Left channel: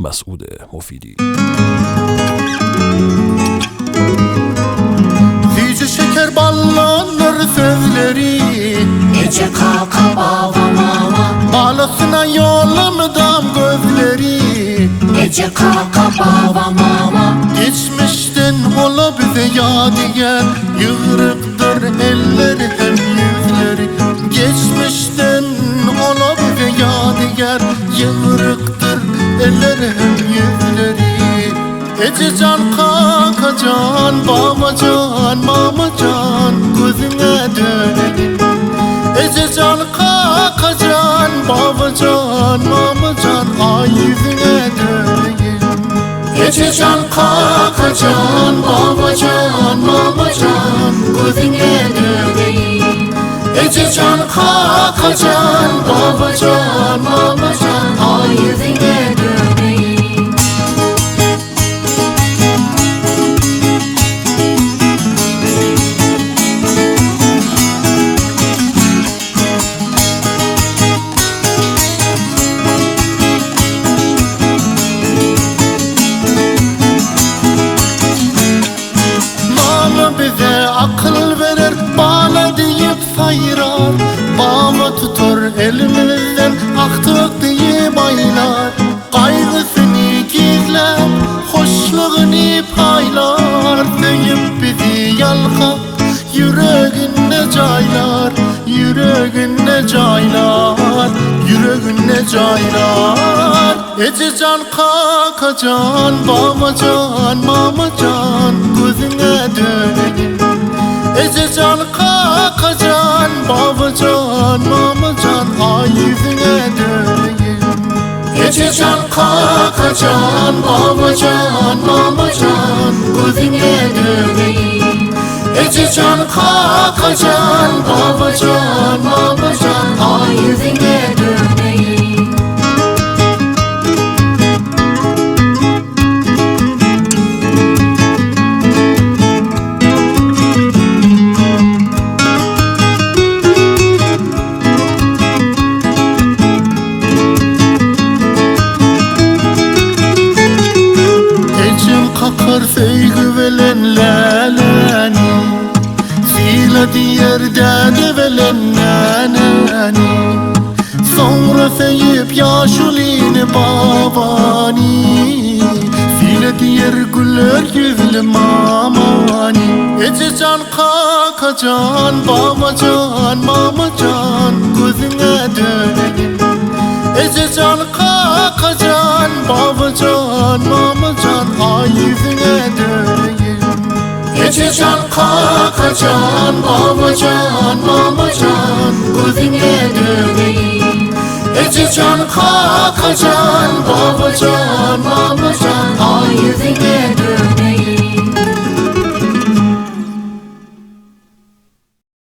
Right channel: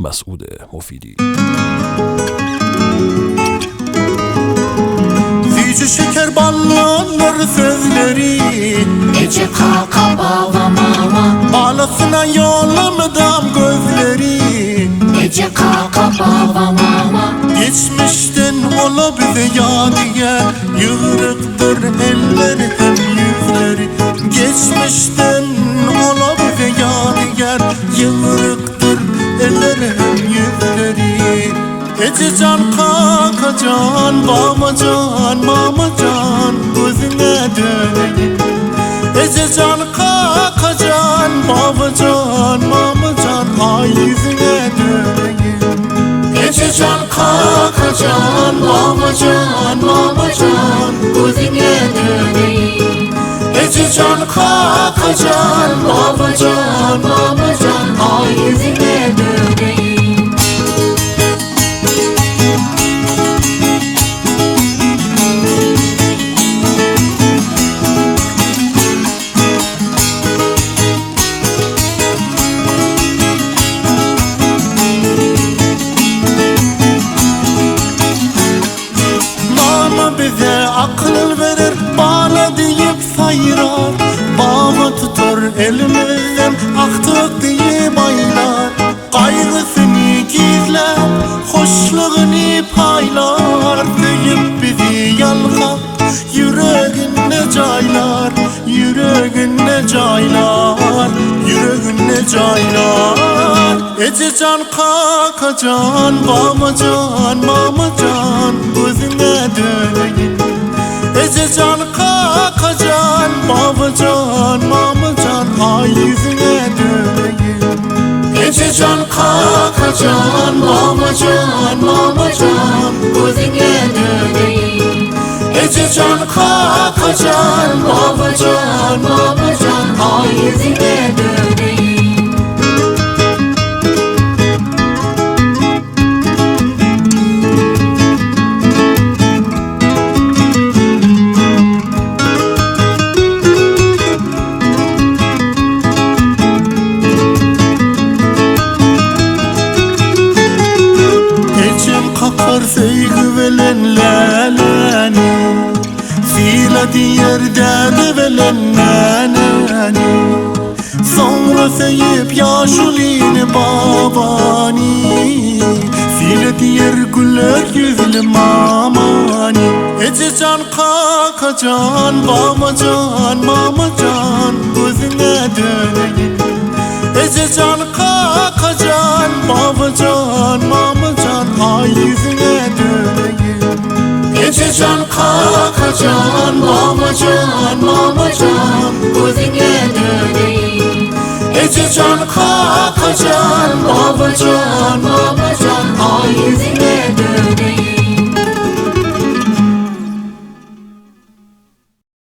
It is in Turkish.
Mes'ud Mufidi. Yüce şeker ballanır sözleri, Ece kaka baba mama, bağlasına yolumdam gözleri. Ece kaka baba mama, Geçmişten ola bize yadigar, yığırıktır elleri hem yüzleri. Geçmişten ola bize yadigar, yığırıktır elleri hem yüzleri. Ece can kaka can, baba can, mama can, gözüne döneyim. Ece can kaka can, baba can, mama can, ay yüzüne döneyim. Ece can kaka can, baba can, mama can, gözüne döneyim. Ece can kaka can, baba can, mama can, ay yüzüne döneyim. Mama bize akıl verir, bağla deyip sayırar. Baba tutar elimizden, aktık deyip aylar. Kaygısını gizler, hoşluğunu paylar. Deyip bizi yalkak, yüreğine caylar. Yüreğine caylar, yüreğine caylar. Ece can kaka can, baba can, mama can, gözüne döneyim. Ece can kaka can, baba can, mama can, ay yüzüne döneyim. Ece can kaka can, baba can, mama can, gözüne döneyim. Ece can kaka can, baba can, mama can, ay yüzüne döneyim. Ecem kakar sevgi velen leleni, Zila diğer dede velen neneni. Sonra seyip yaşulini babani, Zila diğer güller yüzlü mamani. Ece can kaka can, baba can, mama can, gözüne döneyim. Ece can kaka can, baba can, mama can, ay yüzüne döneyim. Ece can kaka can, baba can, mama can, gözüne döneyim. Ece can kaka can, baba can, mama can, ay